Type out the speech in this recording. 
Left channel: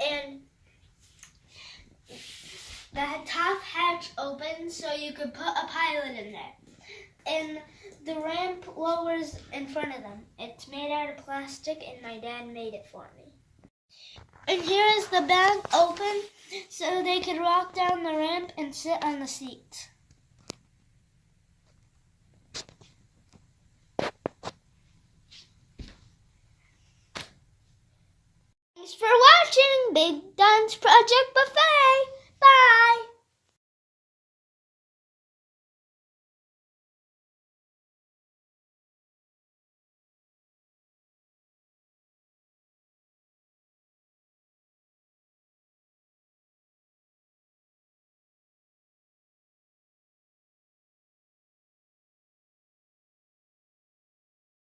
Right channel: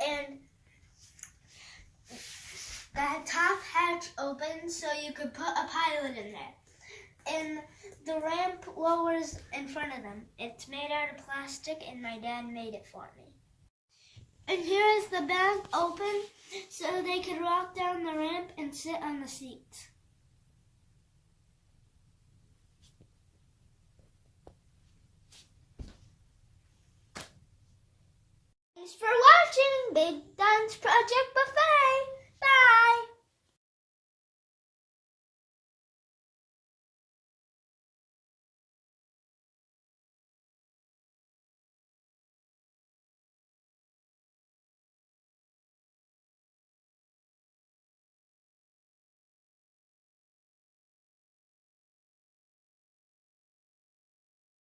and the top hatch opens so you could put a pilot in there. And the ramp lowers in front of them. It's made out of plastic, and my dad made it for me. And here is the back open so they could walk down the ramp and sit on the seats. Thanks for watching Big Don's Project Buffet.